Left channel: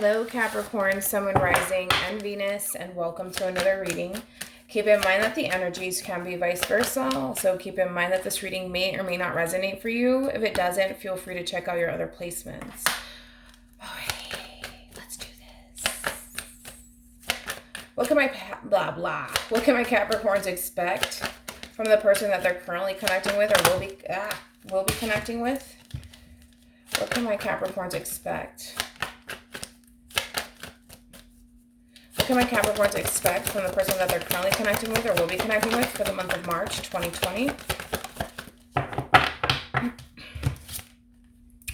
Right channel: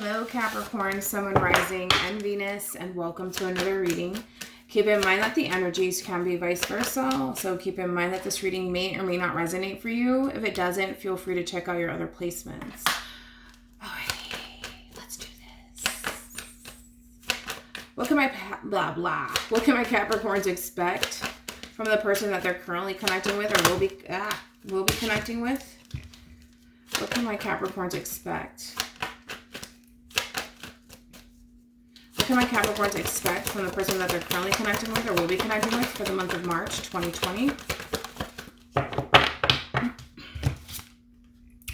Hello Capricorn, Sun, Moon, Rising, and Venus, and welcome to another reading. Keep in mind that the energies can be vice versa, so keep in mind that this reading may or may not resonate for you. If it doesn't, feel free to check out your other placements. Alrighty, let's do this. What can my What can my Capricorns expect from the person that they're currently connecting with or will be connecting with? What can my Capricorns expect? What can my Capricorns expect from the person that they're currently connecting with or will be connecting with for the month of March 2020?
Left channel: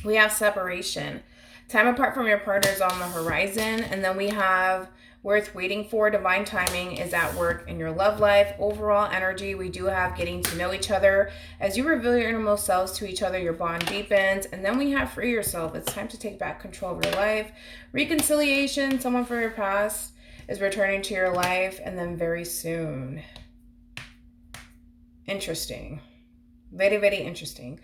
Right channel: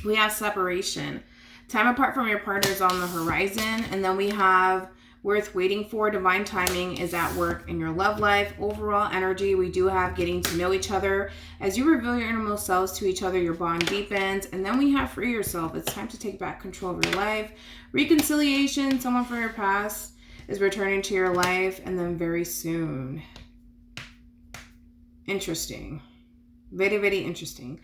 We have separation. Time apart from your partner is on the horizon. And then we have worth waiting for. Divine timing is at work in your love life. Overall energy, we do have getting to know each other. As you reveal your innermost selves to each other, your bond deepens. And then we have free yourself. It's time to take back control of your life. Reconciliation, someone from your past is returning to your life, and then very soon. Interesting. Very, very interesting.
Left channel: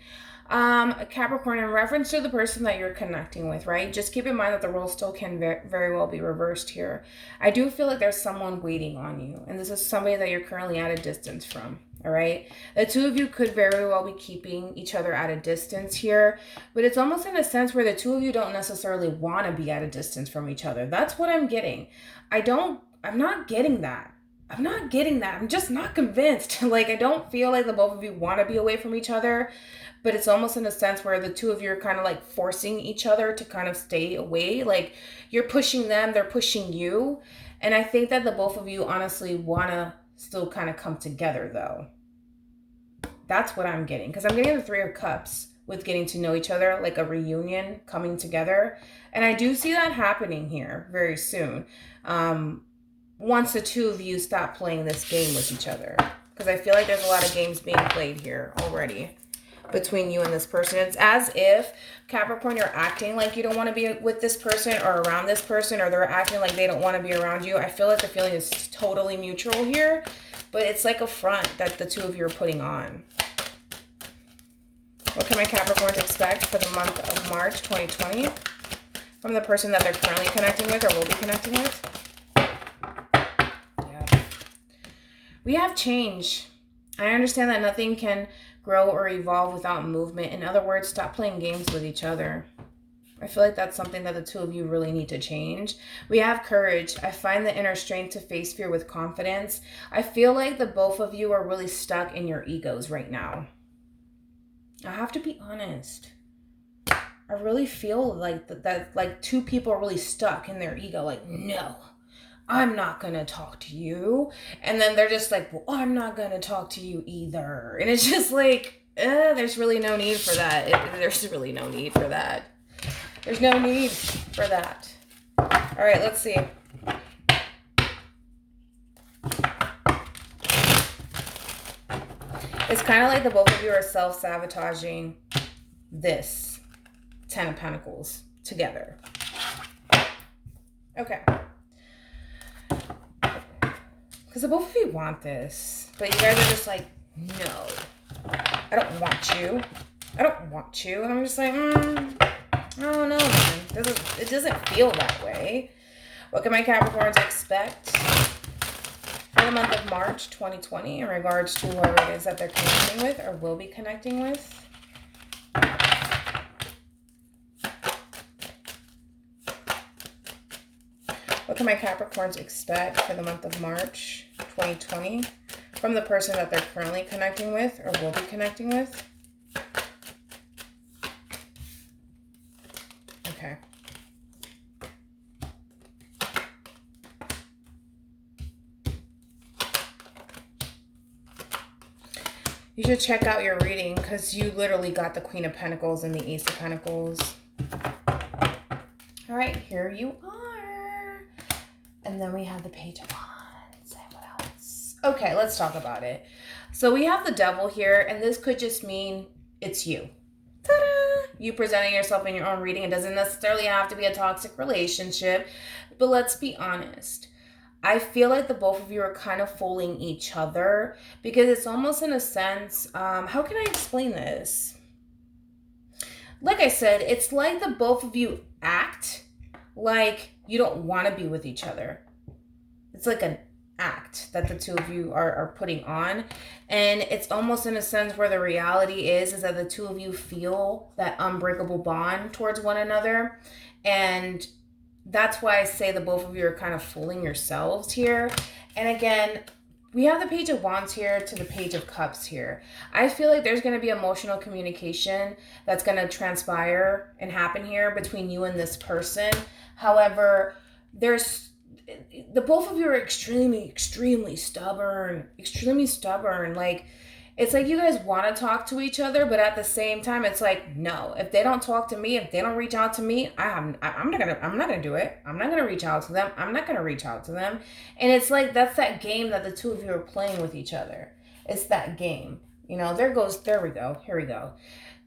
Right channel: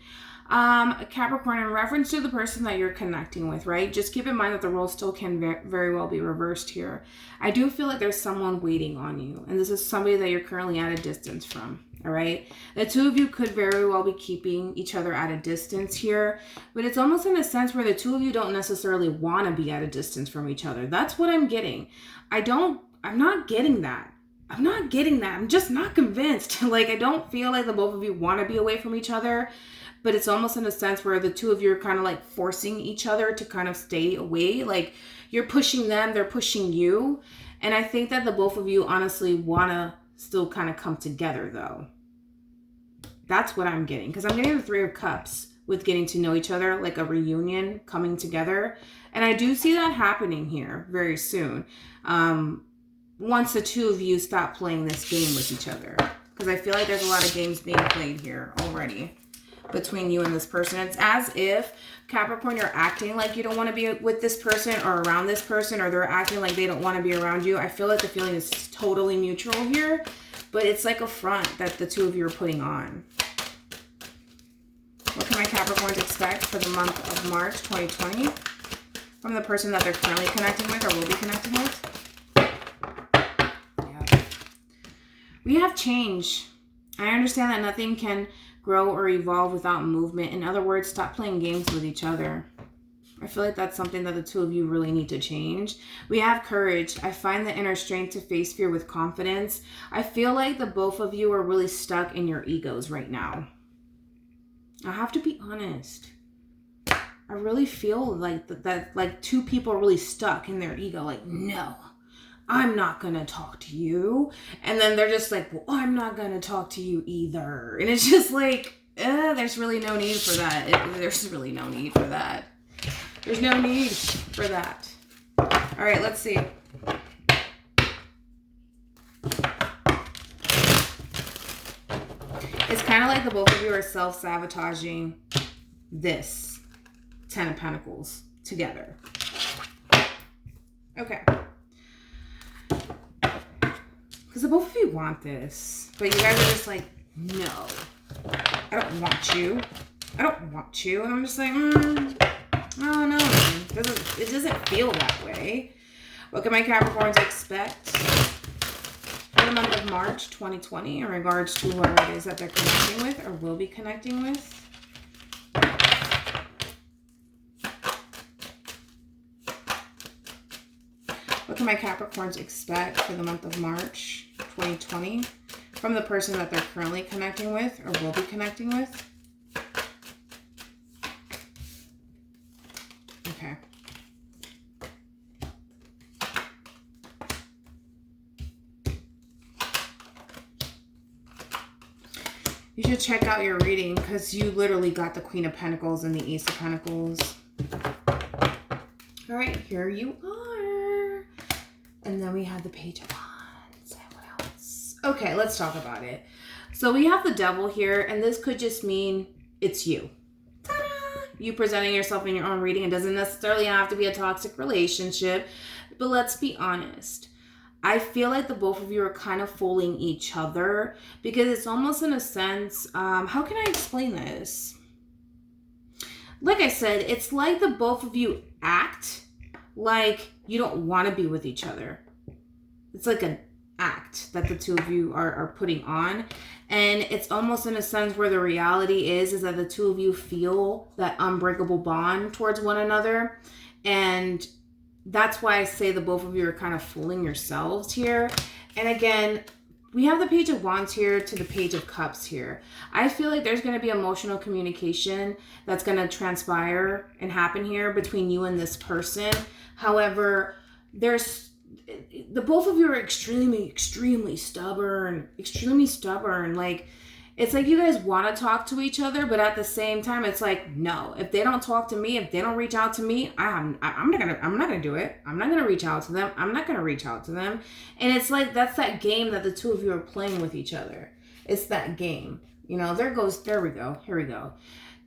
Capricorn, in reference to the person that you're connecting with, right? Just keep in mind that the role still can very well be reversed here. I do feel like there's someone waiting on you, and this is somebody that you're currently at a distance from, all right? The two of you could very well be keeping each other at a distance here, but it's almost in a sense where the two of you don't necessarily want to be at a distance from each other. That's what I'm getting. I'm not getting that. I'm just not convinced. Like, I don't feel like the both of you want to be away from each other, but it's almost in a sense where the two of you are kind of like forcing each other to kind of stay away. Like, you're pushing them, they're pushing you. And I think that the both of you honestly want to still kind of come together though. That's what I'm getting. Because I'm getting the Three of Cups with getting to know each other, like a reunion coming together. And I do see that happening here very soon. Once the two of you stop playing this game with each other. Because I feel like there's a lot of games being played here already between you and this person. It's as if, Capricorn, you're acting like you don't want to be with this person or around this person, or they're acting like they don't want to be around you. I feel like the feeling is totally mutual here, but it's like a front that the two of you are putting on. What can my Capricorns expect for the month of March 2020 from the person that they're currently connecting with or will be connecting with? We have change. I understand that nothing can grow or evolve without movement. In other words, stop playing games with each other. I feel like that's something that the two of you really need to change. We have courage. I find the inner strength to face fear with confidence. I feel like the both of you are really stuck in your egos right now. I have to be honest. I really feel like that like two people are really stuck in their ego. Like, no, I'm not going to talk to you. And then they're just like, well, I'm not going to talk to you either. And it's just like, there's really no need for that. There's really no need for that. There's no need for that. All right, let's see. It's kind of like the both of you are self-sabotaging this Ten of Pentacles together. Okay. Because the both of you want this, but you guys are just like, no, I don't want you. I don't want you. And I'm just like, oh no, it doesn't feel that way. What can my Capricorns expect for the month of March 2020 in regards to whoever it is that they're connecting with or will be connecting with? What can my Capricorns expect for the month of March 2020 from the person that they're currently connecting with or will be connecting with? Okay. You should check out your reading because you literally got the Queen of Pentacles and the Ace of Pentacles. All right, here you are. And then we have the Page of Wands. And what else? Okay, let's talk about it. So we have the Devil here, and this could just mean it's you. Ta-da! You presenting yourself in your own reading. It doesn't necessarily have to be a toxic relationship, but let's be honest. I feel like the both of you are kind of fooling each other because it's almost in a sense, how can I explain this? Like I said, it's like the both of you act like you don't want to be with each other. It's like an act that the two of you are putting on. And it's almost in a sense where the reality is that the two of you feel that unbreakable bond towards one another. And that's why I say the both of you are kind of fooling yourselves here. And again, we have the Page of Wands here to the Page of Cups here. I feel like there's going to be emotional communication that's going to transpire and happen here between you and this person. However, the both of you are extremely stubborn. Like, it's like you guys want to talk to each other, but at the same time, it's like, no, if they don't talk to me, if they don't reach out to me, I'm not gonna do it. I'm not gonna reach out to them. I'm not gonna reach out to them. And it's like, that's that game that the two of you are playing with each other. It's that game. You know, there we go. Here we go.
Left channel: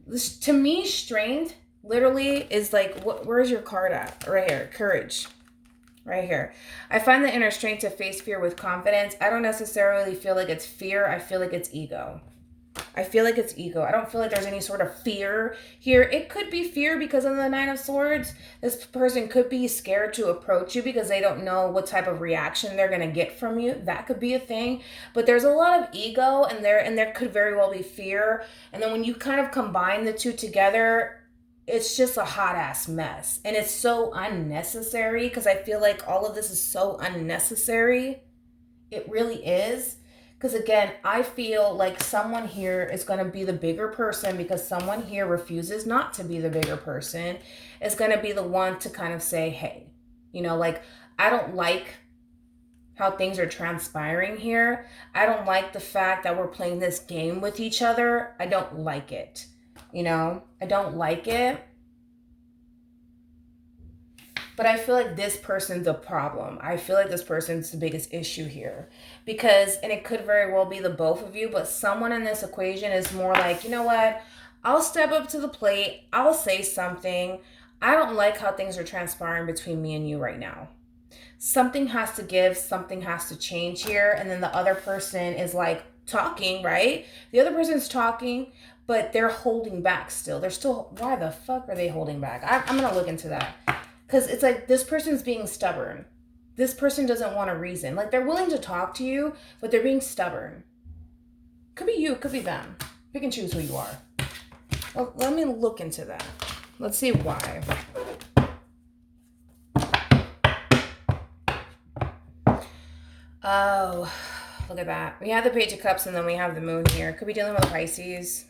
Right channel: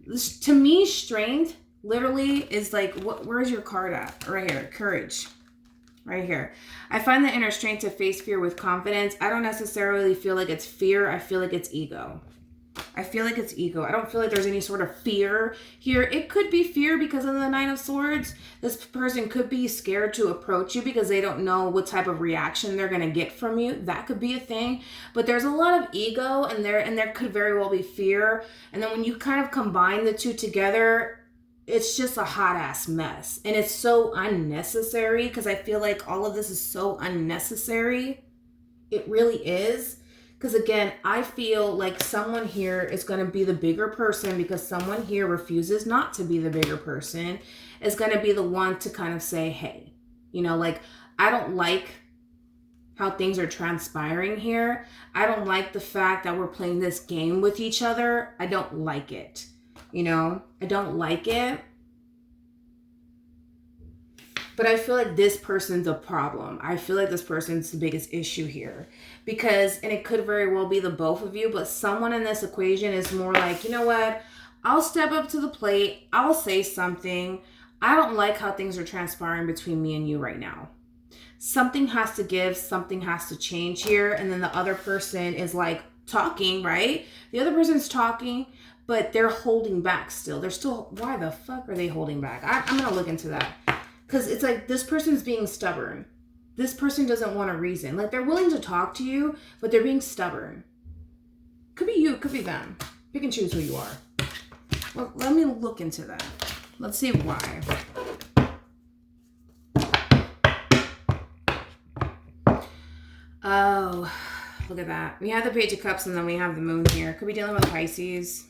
This, to me, strength literally is like, where's your card at? Right here, courage. Right here. I find the inner strength to face fear with confidence. I don't necessarily feel like it's fear. I feel like it's ego. I feel like it's ego. I don't feel like there's any sort of fear here. It could be fear because of the Nine of Swords. This person could be scared to approach you because they don't know what type of reaction they're going to get from you. That could be a thing. But there's a lot of ego and there could very well be fear. And then when you kind of combine the two together, it's just a hot ass mess. And it's so unnecessary because I feel like all of this is so unnecessary. It really is. Because again, I feel like someone here is going to be the bigger person because someone here refuses not to be the bigger person, is going to be the one to kind of say, hey, you know, like, I don't like how things are transpiring here. I don't like the fact that we're playing this game with each other. I don't like it. You know, I don't like it. But I feel like this person's a problem. I feel like this person's the biggest issue here. Because, and it could very well be the both of you, but someone in this equation is more like, you know what? I'll step up to the plate. I'll say something. I don't like how things are transpiring between me and you right now. Something has to give. Something has to change here. And then the other person is like talking, right? The other person's talking, but they're holding back still. They're still, why the fuck are they holding back? I'm going to look into that. Because it's like this person's being stubborn. This person doesn't want a reason. Like, they're willing to talk to you, but they're being stubborn. Could be you, could be them. Pick and choose who you are. Well, let me look into that. Let's see why. Oh, look at that. We have the Page of Cups and then we have the Moon here. Could be dealing with Pisces.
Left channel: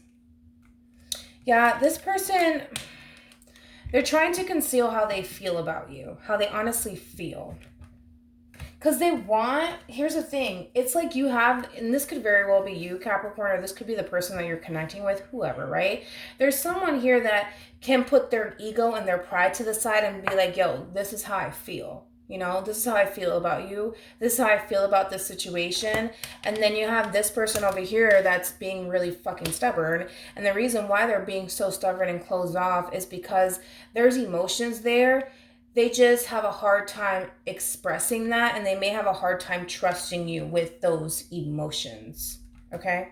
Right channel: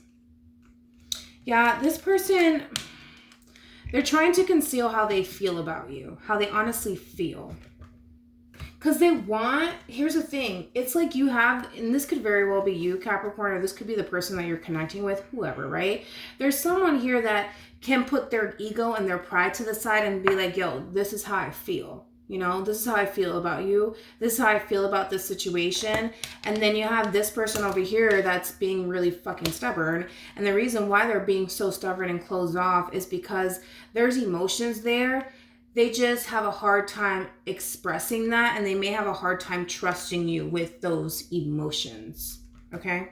Yeah, this person, they're trying to conceal how they feel about you, how they honestly feel. Because they want, here's the thing, it's like you have, and this could very well be you, Capricorn, or this could be the person that you're connecting with, whoever, right? There's someone here that can put their ego and their pride to the side and be like, yo, this is how I feel. You know, this is how I feel about you. This is how I feel about this situation. And then you have this person over here that's being really fucking stubborn. And the reason why they're being so stubborn and closed off is because there's emotions there. They just have a hard time expressing that. And they may have a hard time trusting you with those emotions. Okay?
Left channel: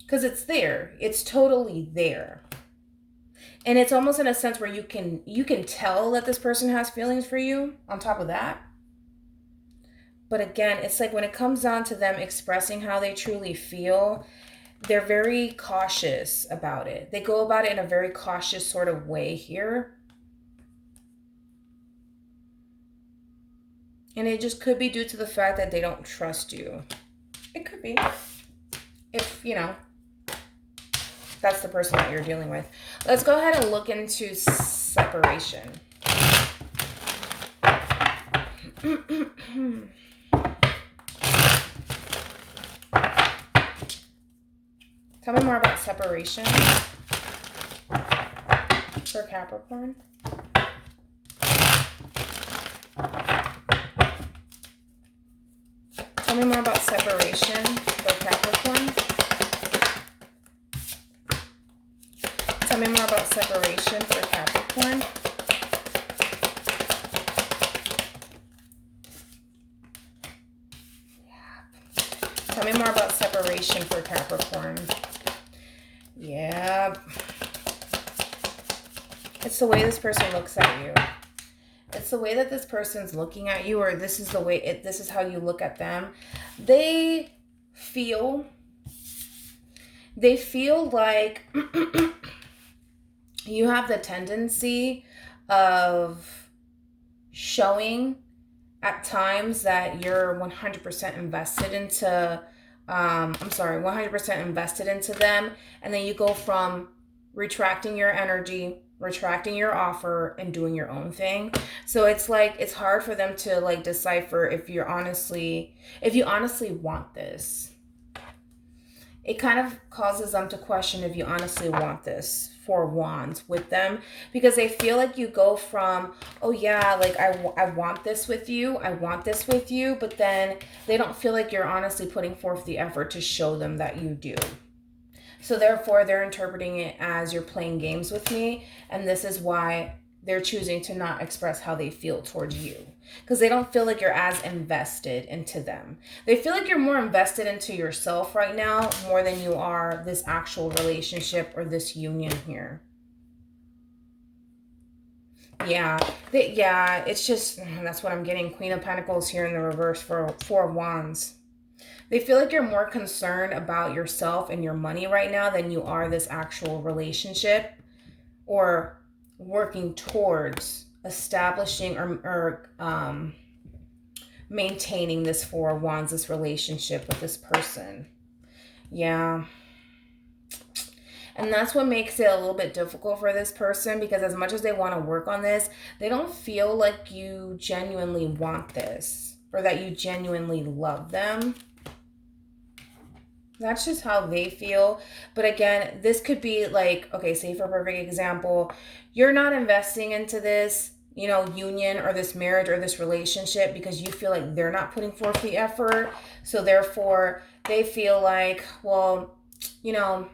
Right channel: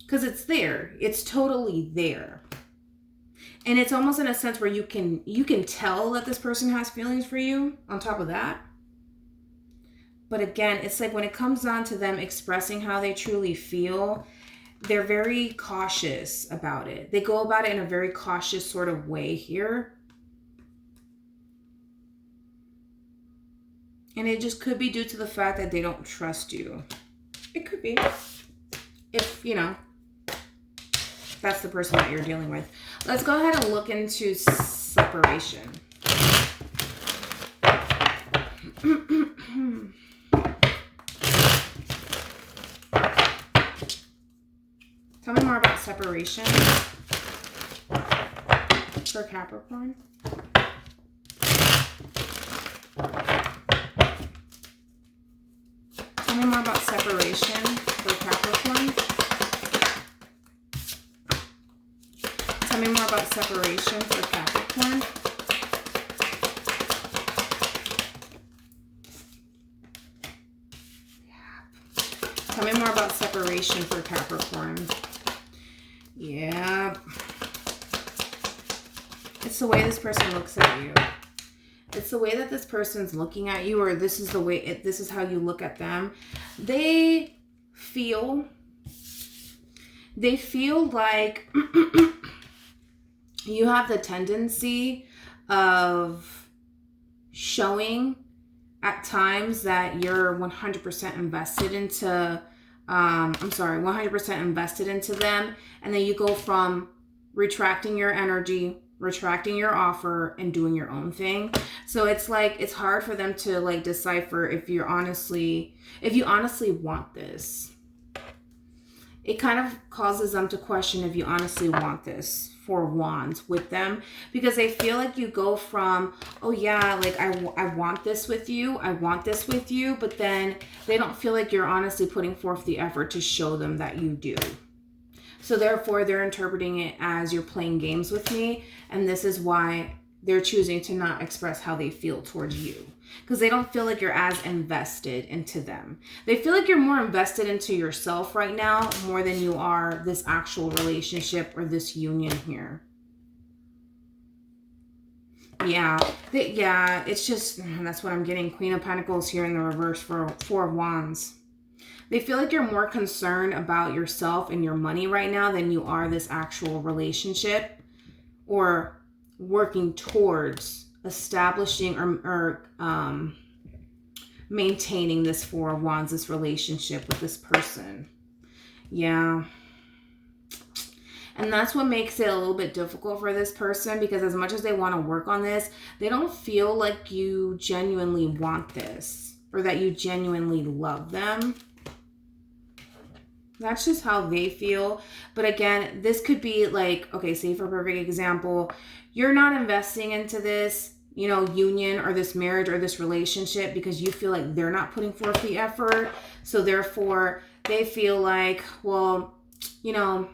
Because it's there. It's totally there. And it's almost in a sense where you can tell that this person has feelings for you on top of that. But again, it's like when it comes down to them expressing how they truly feel, they're very cautious about it. They go about it in a very cautious sort of way here. And it just could be due to the fact that they don't trust you. It could be. If, you know, that's the person that you're dealing with. Let's go ahead and look into separation. Tell me more about separation for Capricorn. Tell me more about separation for Capricorn. Tell me more about separation for Capricorn. Tell me more about separation for Capricorn. Yeah. It's the way this person looks at you. It's the way that this person's looking at you, or this is the way, this is how you look at them. They feel like you have the tendency of showing at times that you're 100% invested into, 100% invested into them. And then you go from retracting your energy, retracting your offer, and doing your own thing. So it's like, it's hard for them to like decipher if you honestly want this. It kind of causes them to question if you honestly want this Four of Wands with them, because they feel like you go from, oh yeah, like I want this with you, but then they don't feel like you're honestly putting forth the effort to show them that you do. So therefore, they're interpreting it as you're playing games with me, and this is why they're choosing to not express how they feel towards you, because they don't feel like you're as invested into them. They feel like you're more invested into yourself right now more than you are this actual relationship or this union here. Yeah, it's just, that's what I'm getting. Queen of Pentacles here in the reverse for Four of Wands. They feel like you're more concerned about yourself and your money right now than you are this actual relationship, or working towards establishing or maintaining this Four of Wands, this relationship with this person. Yeah. And that's what makes it a little bit difficult for this person, because as much as they want to work on this, they don't feel like you genuinely want this or that you genuinely love them. That's just how they feel. But again, this could be like, okay, say for a perfect example, you're not investing into this, you know, union or this marriage or this relationship because you feel like they're not putting forth the effort. So therefore, they feel like, well, you know,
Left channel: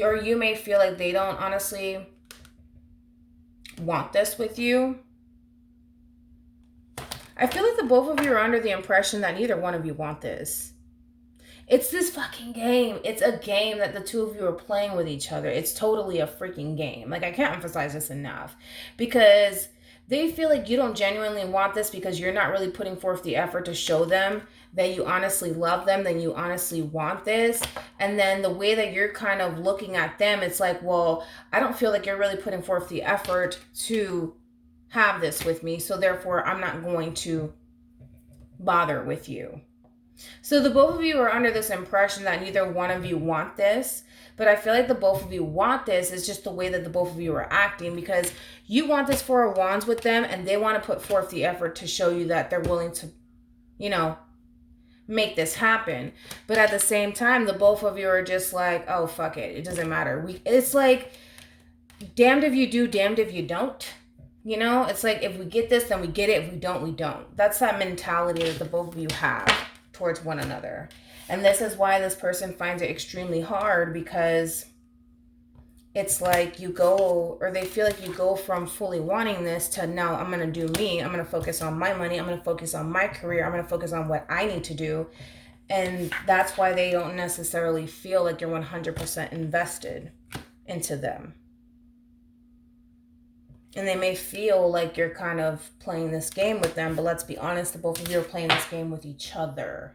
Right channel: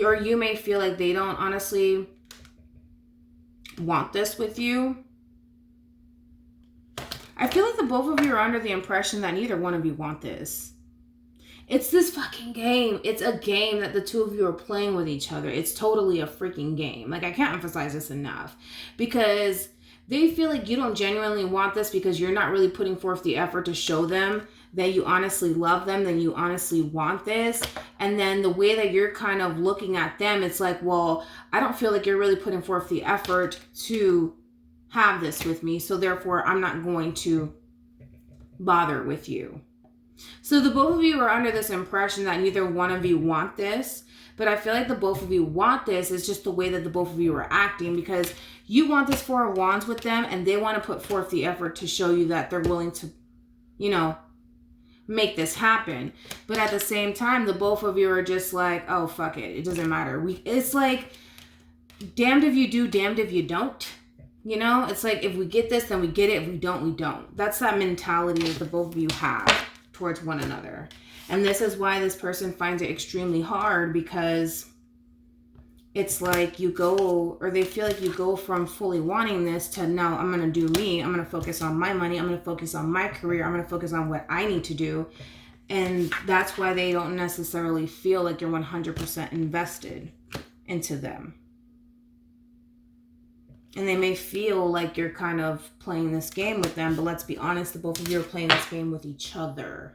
or you may feel like they don't honestly want this with you. I feel like the both of you are under the impression that neither one of you want this. It's this fucking game. It's a game that the two of you are playing with each other. It's totally a freaking game. Like, I can't emphasize this enough, because they feel like you don't genuinely want this because you're not really putting forth the effort to show them that you honestly love them, that you honestly want this. And then the way that you're kind of looking at them, it's like, well, I don't feel like you're really putting forth the effort to have this with me, so therefore I'm not going to bother with you. So the both of you are under this impression that neither one of you want this, but I feel like the both of you want this. Is just the way that the both of you are acting, because you want this Four of Wands with them and they want to put forth the effort to show you that they're willing to, you know, make this happen. But at the same time, the both of you are just like, oh, fuck it. It doesn't matter. It's like, damned if you do, damned if you don't. You know, it's like, if we get this, then we get it. If we don't, we don't. That's that mentality that the both of you have towards one another. And this is why this person finds it extremely hard, because it's like you go, or they feel like you go from fully wanting this to, no, I'm going to do me. I'm going to focus on my money. I'm going to focus on my career. I'm going to focus on what I need to do. And that's why they don't necessarily feel like you're 100% invested into them. And they may feel like you're kind of playing this game with them, but let's be honest, the both of you are playing this game with each other.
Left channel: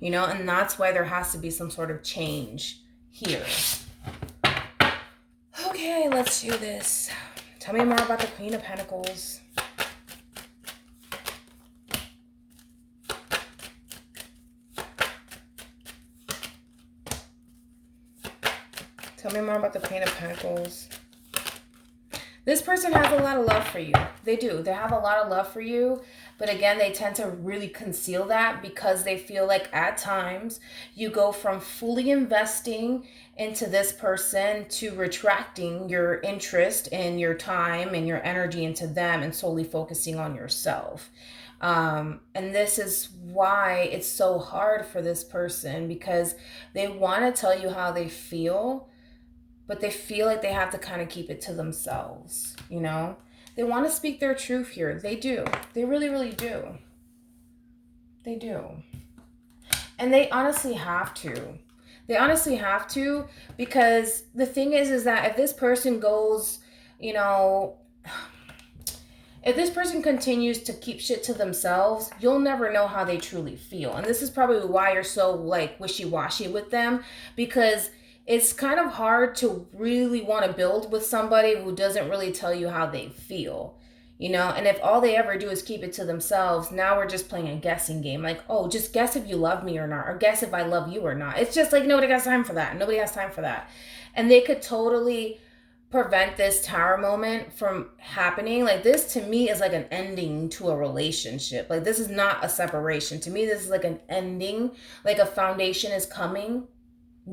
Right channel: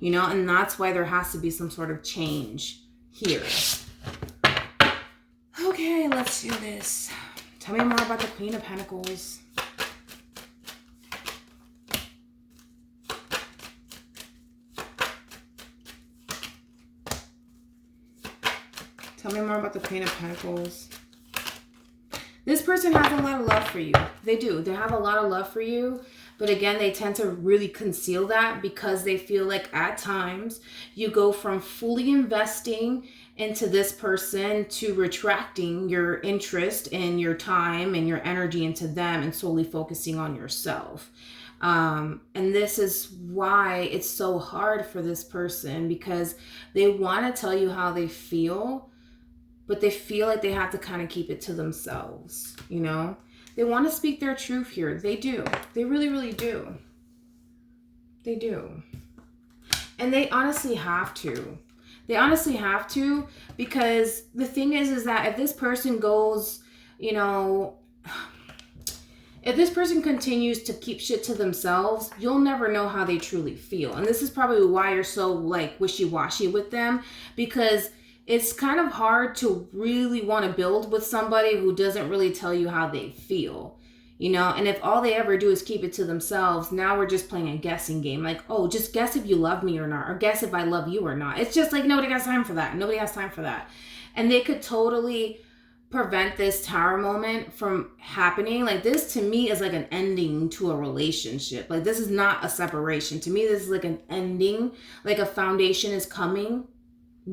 You know, and that's why there has to be some sort of change here. Okay, let's do this. Tell me more about the Queen of Pentacles. Tell me more about the Queen of Pentacles. This person has a lot of love for you. They do. They have a lot of love for you. But again, they tend to really conceal that, because they feel like at times you go from fully investing into this person to retracting your interest and your time and your energy into them and solely focusing on yourself. And this is why it's so hard for this person, because they want to tell you how they feel, but they feel like they have to kind of keep it to themselves, you know? They want to speak their truth here. They do. They really, really do. They do. And they honestly have to. They honestly have to, because the thing is that if this person goes, you know, if this person continues to keep shit to themselves, you'll never know how they truly feel. And this is probably why you're so like wishy-washy with them, because it's kind of hard to really want to build with somebody who doesn't really tell you how they feel. You know, and if all they ever do is keep it to themselves, now we're just playing a guessing game. Like, oh, just guess if you love me or not, or guess if I love you or not. It's just like nobody has time for that. Nobody has time for that. And they could totally prevent this tower moment from happening. Like, this to me is like an ending to a relationship. Like, this is not a separation. To me, this is like an ending. Like, a foundation is coming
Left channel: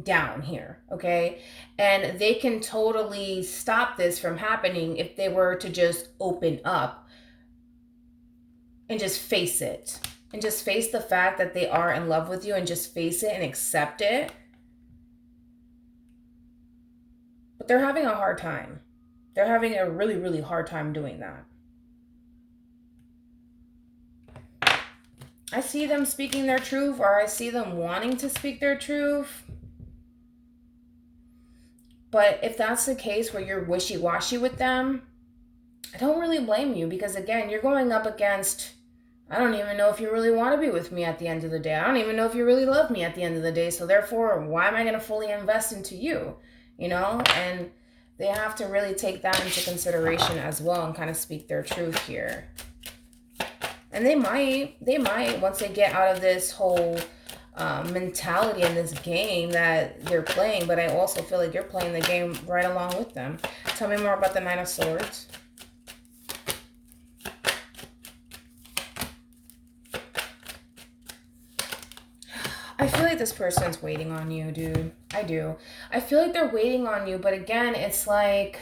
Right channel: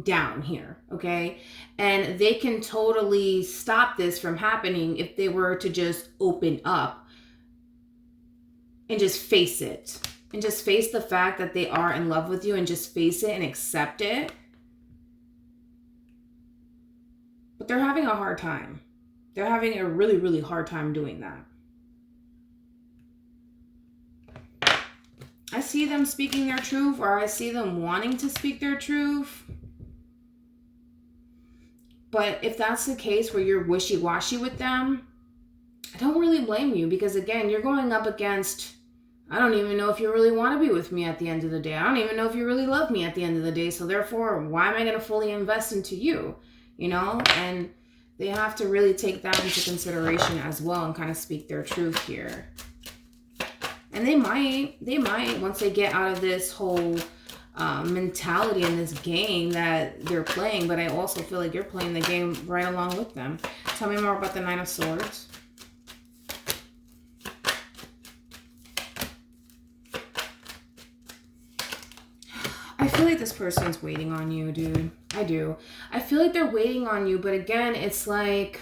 down here, okay? And they can totally stop this from happening if they were to just open up and just face it, and just face the fact that they are in love with you, and just face it and accept it. But they're having a hard time. They're having a really, really hard time doing that. I see them speaking their truth, or I see them wanting to speak their truth. But if that's the case where you're wishy-washy with them, I don't really blame you, because again, you're going up against, I don't even know if you really want to be with me at the end of the day. I don't even know if you really love me at the end of the day. So therefore, why am I going to fully invest into you? You know, and they have to really take that into consideration as well and kind of speak their truth here. And they might, once they get out of this whole mentality in this game that they're playing, but I also feel like you're playing the game right along with them. Tell me more about the Nine of Swords. I feel like this person's waiting on you, dude. I do. I feel like they're waiting on you, but again, it's like,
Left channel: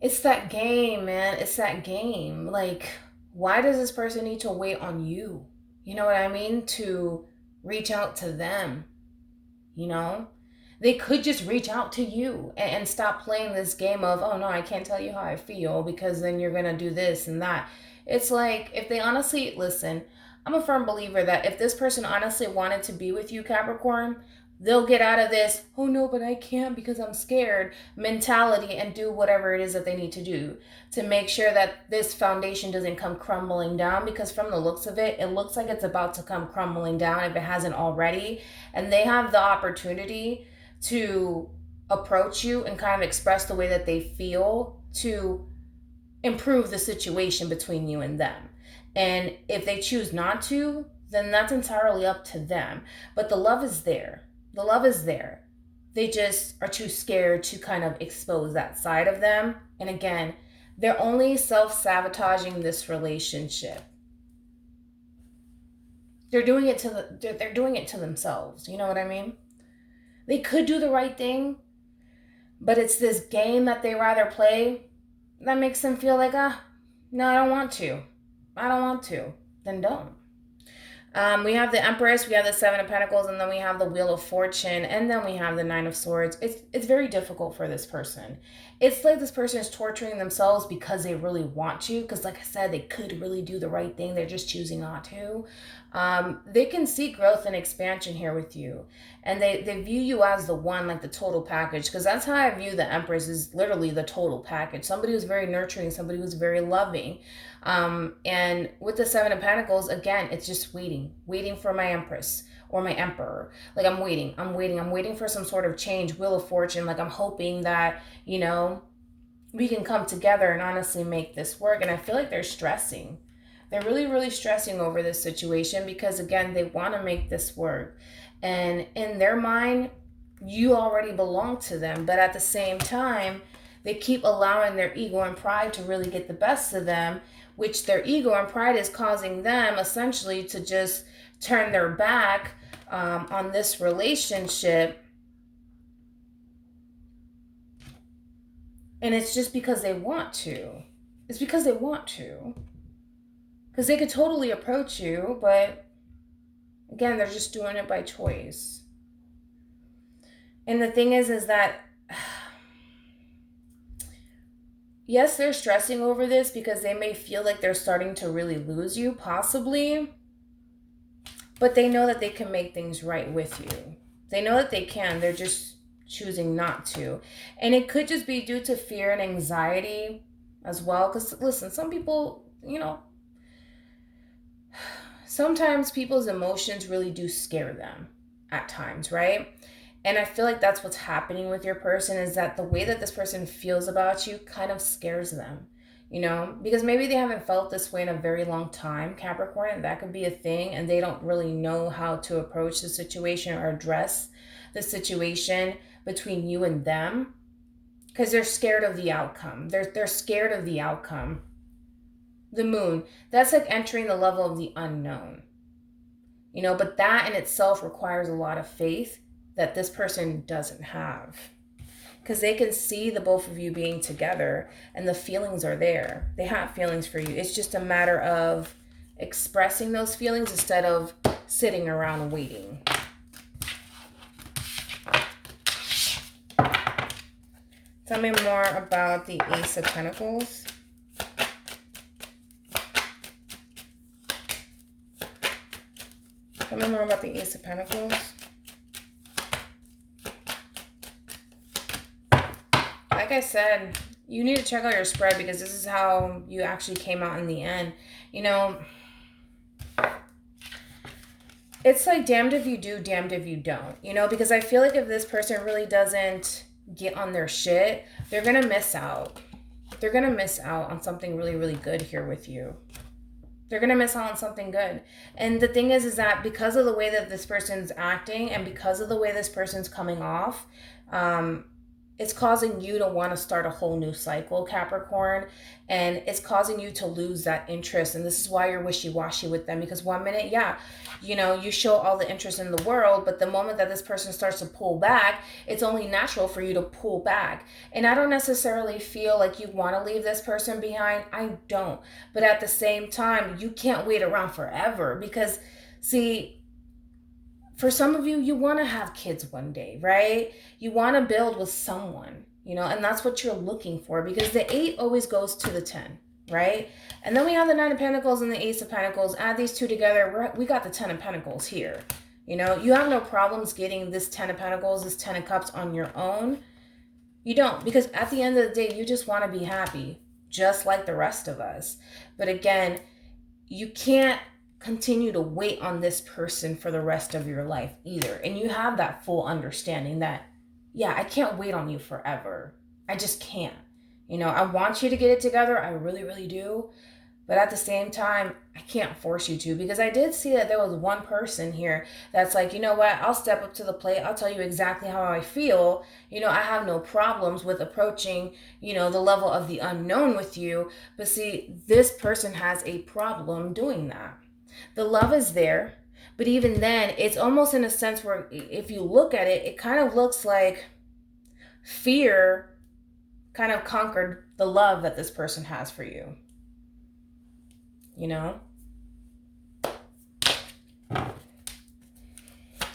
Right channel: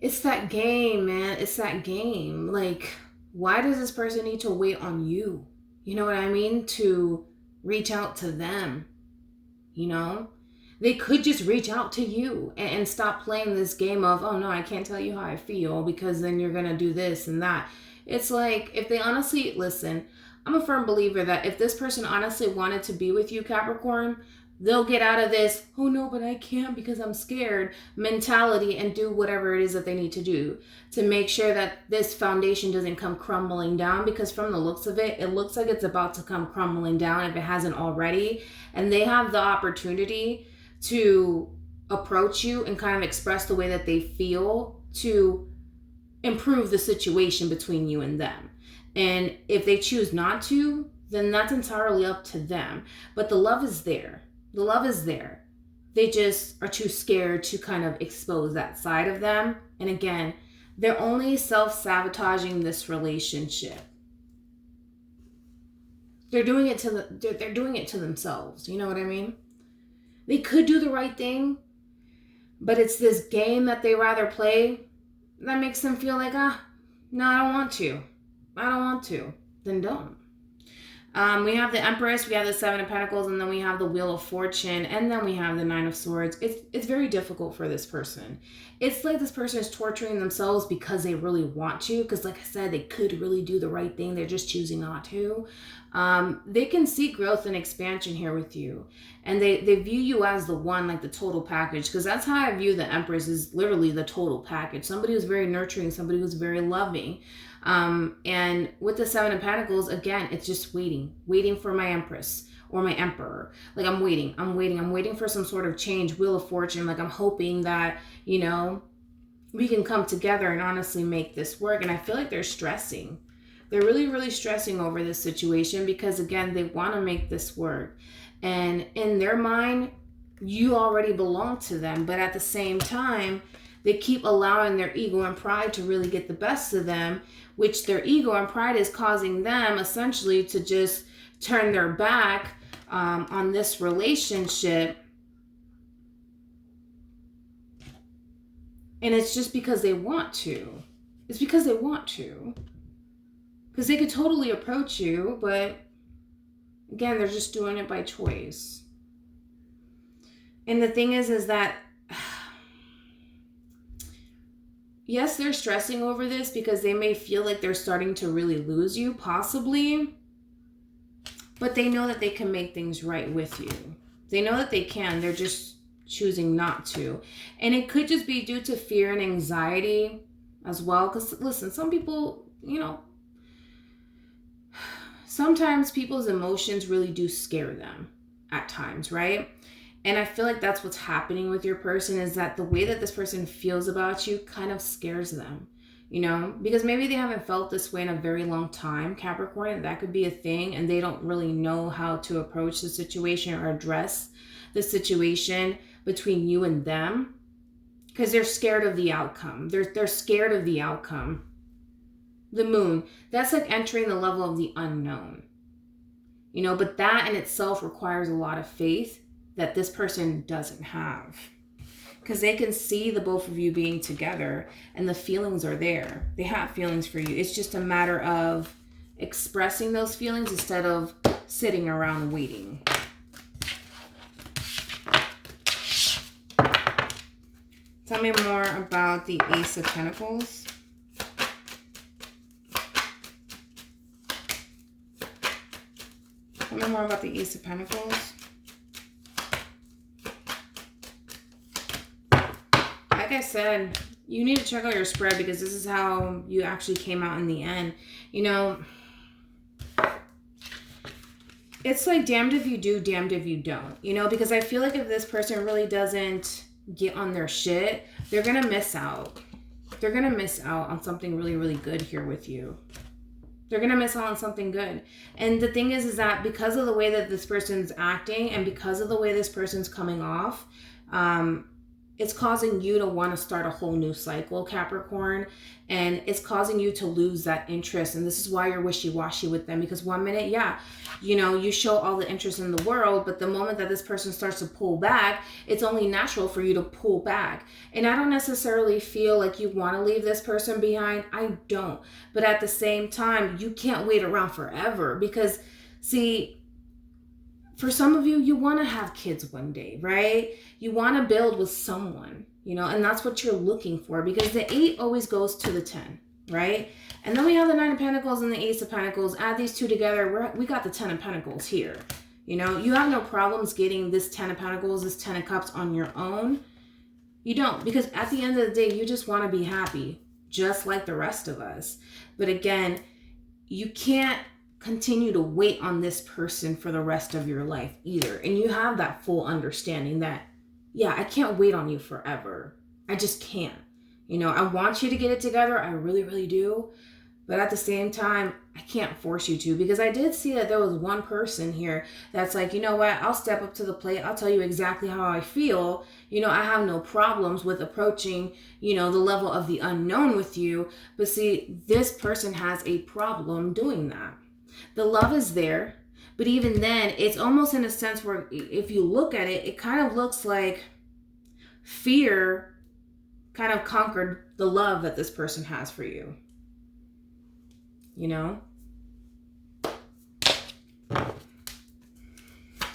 it's that game, man. It's that game. Like, why does this person need to wait on you? You know what I mean? To reach out to them, you know? They could just reach out to you and stop playing this game of, oh no, I can't tell you how I feel because then you're going to do this and that. It's like, if they honestly, listen, I'm a firm believer that if this person honestly wanted to be with you, Capricorn, they'll get out of this, oh no, but I can't because I'm scared mentality and do whatever it is that they need to do to make sure that this foundation doesn't come crumbling down, because from the looks of it, it looks like it's about to come crumbling down if it hasn't already. And they have the opportunity to approach you and kind of express the way that they feel to improve the situation between you and them. And if they choose not to, then that's entirely up to them. But the love is there. The love is there. They just are too scared to kind of expose that side of them. And again, they're only self-sabotaging this relationship. They're doing it to themselves. You know what I mean? They could do the right thing, but it's this game that they rather play that makes them feel like, no, I don't want to. I don't want to. Then don't. We have the Empress, we have the Seven of Pentacles, and then we have the Wheel of Fortune, and then we have the Nine of Swords. It's very difficult for this person. It's like this person is torturing themselves because they really want to, because like I said, they could really do the right thing. They're just choosing not to. They can see growth and expansion here with you. And they view you as the one, like the total package, because that's how I view the Empress, is literally the total package. Somebody who's very nurturing, somebody who's very loving. And with the Seven of Pentacles, again, it's just waiting for my Empress or my Emperor. Like, I'm waiting for some sort of change. Wheel of Fortune. Like, I'm hoping that, you know, we can come together and honestly make this work. And I feel like they're stressing. They're really, really stressing over this situation because, again, they want to make this work. And in their mind, you already belong to them. But at the same time, they keep allowing their ego and pride to really get the best of them, which their ego and pride is causing them essentially to just turn their back on this relationship. And it's just because they want to. It's because they want to. Because they could totally approach you, but again, they're just doing it by choice. And the thing is that yes, they're stressing over this because they may feel like they're starting to really lose you, possibly. But they know that they can make things right with you. They know that they can. They're just choosing not to. And it could just be due to fear and anxiety as well. Because, listen, some people, sometimes people's emotions really do scare them at times, right? And I feel like that's what's happening with your person, is that the way that this person feels about you kind of scares them, because maybe they haven't felt this way in a very long time, Capricorn. That could be a thing, and they don't really know how to approach the situation or address the situation between you and them, because they're scared of the outcome. They're scared of the outcome. The moon, that's like entering the level of the unknown, but that in itself requires a lot of faith that this person doesn't have, because they can see the both of you being together and the feelings are there. They have feelings for you. It's just a matter of expressing those feelings instead of sitting around waiting. Tell me more about the Ace of Pentacles. Tell me more about the Ace of Pentacles. Like I said, you need to check out your spread, because this is how you actually came out in the end. It's like damned if you do, damned if you don't. Because I feel like if this person really doesn't get on their shit, they're going to miss out. They're going to miss out on something really, really good here with you. They're going to miss out on something good. And the thing is that because of the way that this person's acting and because of the way this person's coming off, it's causing you to want to start a whole new cycle, Capricorn. And it's causing you to lose that interest. And this is why you're wishy-washy with them. Because one minute, you show all the interest in the world. But the moment that this person starts to pull back, it's only natural for you to pull back. And I don't necessarily feel like you want to leave this person behind. I don't. But at the same time, you can't wait around forever. Because, see, for some of you, you want to have kids one day, right? You want to build with someone, and that's what you're looking for, because the 8 always goes to the 10, right? And then we have the 9 of Pentacles and the Ace of Pentacles. Add these two together, we got the 10 of Pentacles here. You have no problems getting this 10 of Pentacles, this 10 of Cups on your own. You don't, because at the end of the day, you just want to be happy, just like the rest of us. But again, you can't continue to wait on this person for the rest of your life either. And you have that full understanding that, I can't wait on you forever. I just can't. I want you to get it together. I really, really do. But at the same time, I can't force you to, because I did see that there was one person here that's like, you know what, I'll step up to the plate. I'll tell you exactly how I feel. I have no problems with approaching, the level of the unknown with you. But see, this person has a problem doing that. The love is there, but even then, it's almost in a sense where if you look at it, it kind of looks like fear kind of conquered the love that this person has for you. I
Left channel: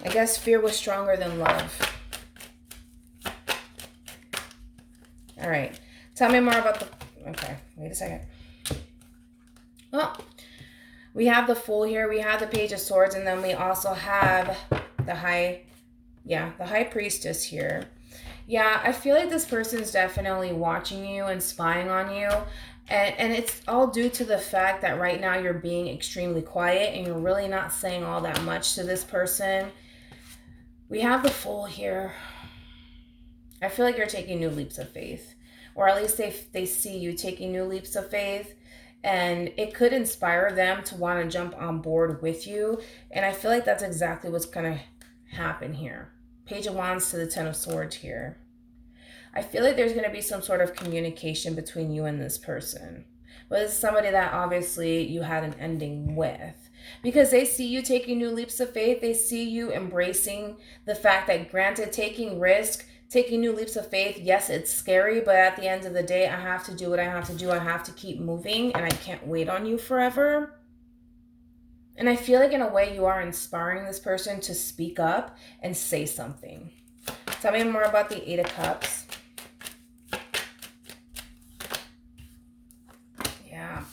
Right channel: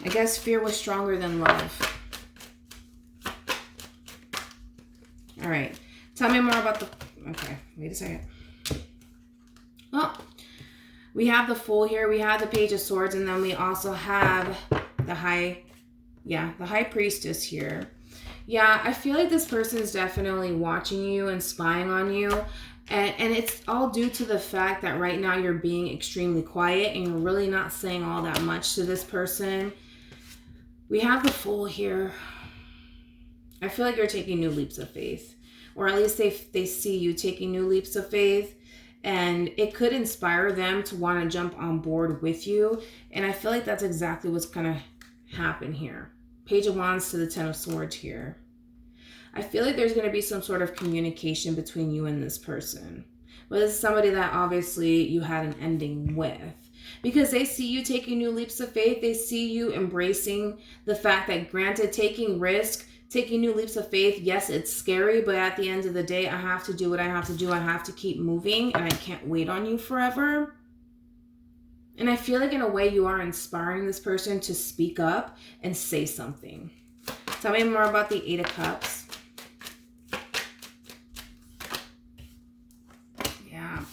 guess fear was stronger than love. All right. Tell me more about okay, wait a second. Well, we have the Fool here. We have the Page of Swords. And then we also have the High Priestess here. Yeah, I feel like this person is definitely watching you and spying on you. And it's all due to the fact that right now you're being extremely quiet and you're really not saying all that much to this person. We have the Fool here. I feel like you're taking new leaps of faith. Or at least they see you taking new leaps of faith. And it could inspire them to want to jump on board with you. And I feel like that's exactly what's going to happen here. Page of Wands to the 10 of Swords here. I feel like there's going to be some sort of communication between you and this person. But it's somebody that obviously you had an ending with. Because they see you taking new leaps of faith. They see you embracing the fact that, granted, taking risk, taking new leaps of faith, yes, it's scary, but at the end of the day, I have to do what I have to do. I have to keep moving, and I can't wait on you forever. And I feel like in a way you are inspiring this person to speak up and say something. Tell me more about the 8 of Cups. Yeah.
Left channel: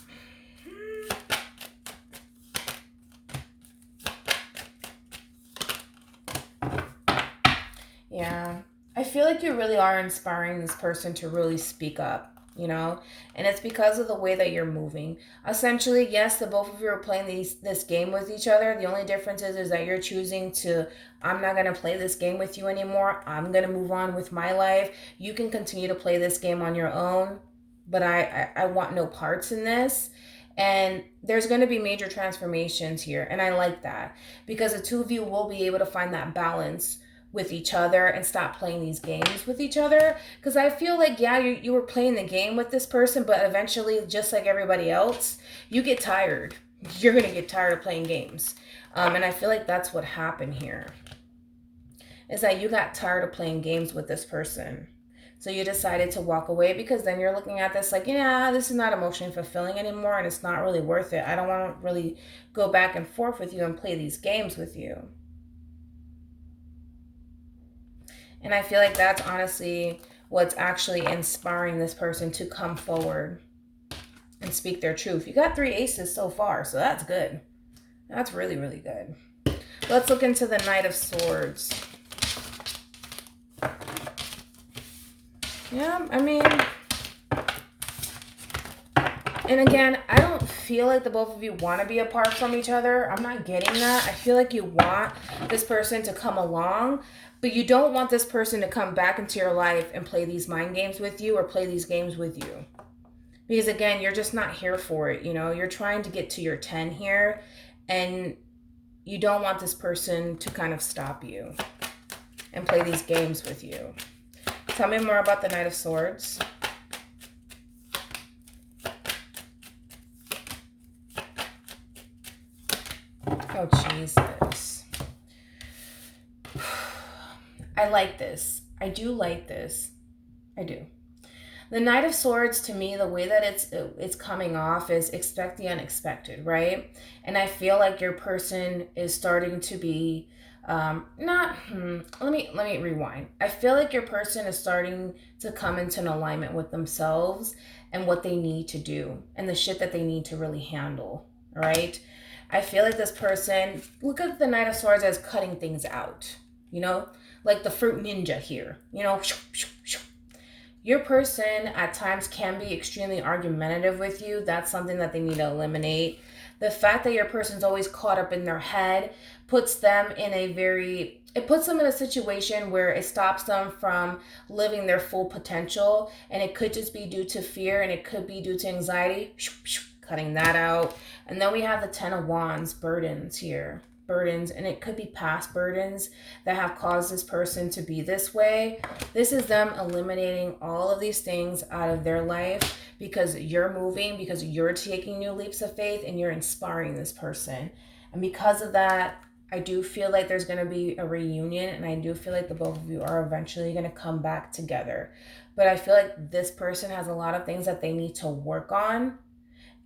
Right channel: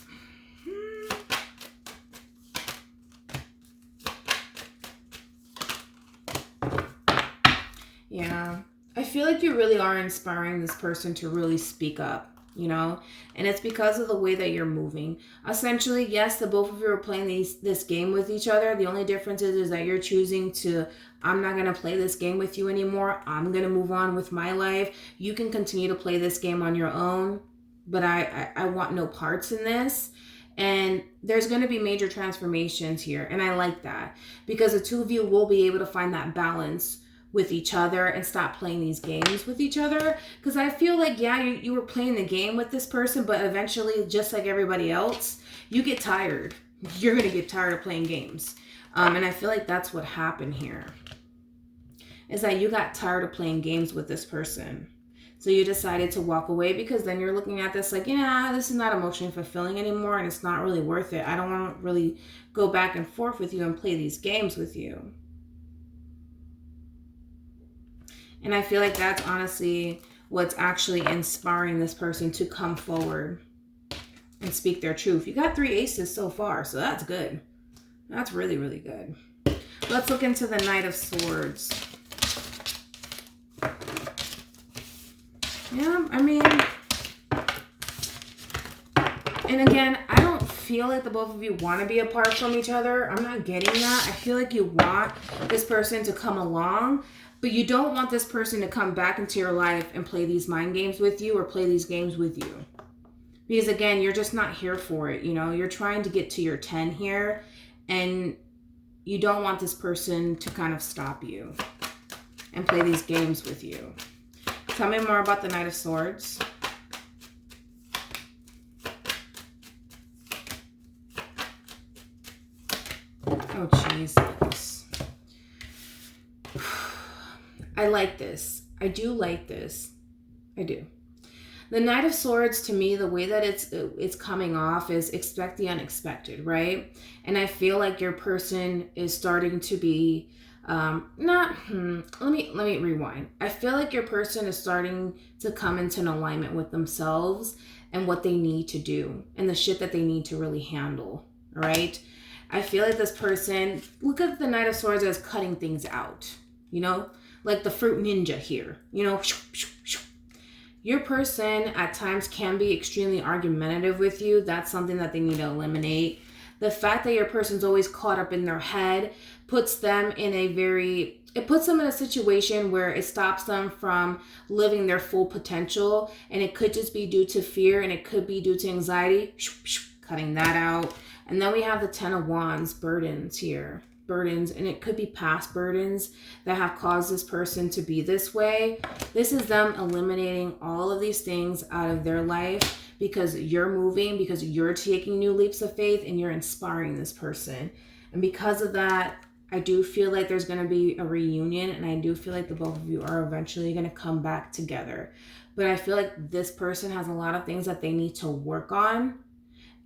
like you really are inspiring this person to really speak up, you know, and it's because of the way that you're moving. Essentially, yes, the both of you are playing this game with each other. The only difference is that you're choosing to, I'm not going to play this game with you anymore. I'm going to move on with my life. You can continue to play this game on your own, but I want no parts in this. And there's going to be major transformations here. And I like that because the two of you will be able to find that balance with each other and stop playing these games with each other. Because I feel like, yeah, you were playing the game with this person, but eventually, just like everybody else, you get tired. You're going to get tired of playing games. And I feel like that's what happened here. Is that you got tired of playing games with this person. So you decided to walk away because then you're looking at this like, yeah, this is not emotionally fulfilling anymore and it's not really worth it. I don't want to really go back and forth with you and play these games with you. And I feel like that's honestly what's actually inspiring this person to come forward and speak their truth. You got 3 aces so far, so that's good. That's really, really good. Let's look into the Knight of Swords. Yeah, I mean, and again, I don't feel like the both of you want to be apart from each other. I'm not getting that. I feel like you want this person to come along, but you don't want this person to come back into your life and play these mind games with you or play these games with you. Because again, you're just not here for it. You know, you're trying to get to your 10 here and you don't want this person to kind of stop you and play these games with you. Tell me more about the Knight of Swords. Oh, Jesus. I like this. I do like this. I do. The Knight of Swords, to me, the way that it's coming off is expect the unexpected, right? And I feel like your person is starting to be let me rewind. I feel like your person is starting to come into an alignment with themselves and what they need to do and the shit that they need to really handle, all right? I feel like this person, look at the Knight of Swords as cutting things out, you know, like the fruit ninja here, you know. Your person at times can be extremely argumentative with you. That's something that they need to eliminate. The fact that your person's always caught up in their head puts them in a situation where it stops them from living their full potential. And it could just be due to fear and it could be due to anxiety. Cutting that out. And then we have the 10 of Wands, burdens here. Burdens, and it could be past burdens that have caused this person to be this way. This is them eliminating all of these things out of their life because you're moving, because you're taking new leaps of faith and you're inspiring this person. And because of that, I do feel like there's going to be a reunion, and I do feel like the both of you are eventually going to come back together. But I feel like this person has a lot of things that they need to work on.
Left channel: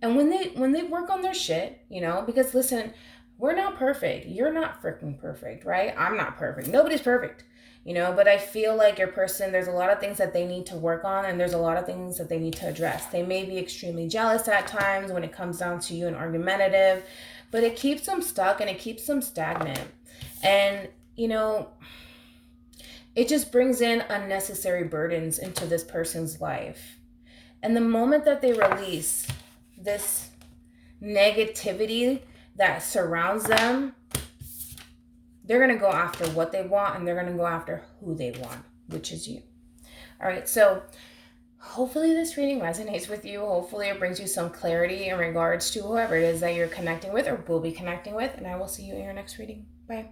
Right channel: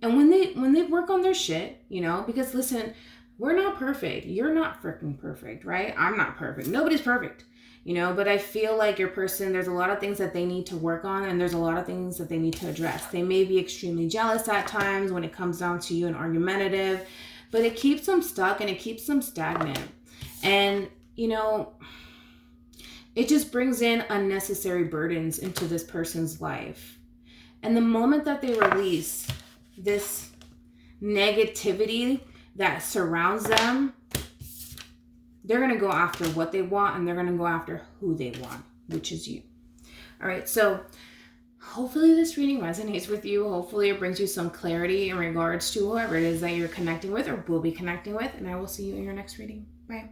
And when they work on their shit, you know, because listen, we're not perfect. You're not freaking perfect, right? I'm not perfect. Nobody's perfect, you know, but I feel like your person, there's a lot of things that they need to work on and there's a lot of things that they need to address. They may be extremely jealous at times when it comes down to you and argumentative, but it keeps them stuck and it keeps them stagnant. And, you know, it just brings in unnecessary burdens into this person's life. And the moment that they release this negativity that surrounds them, they're going to go after what they want and they're going to go after who they want, which is you. All right, so hopefully this reading resonates with you. Hopefully it brings you some clarity in regards to whoever it is that you're connecting with or will be connecting with, and I will see you in your next reading. Bye.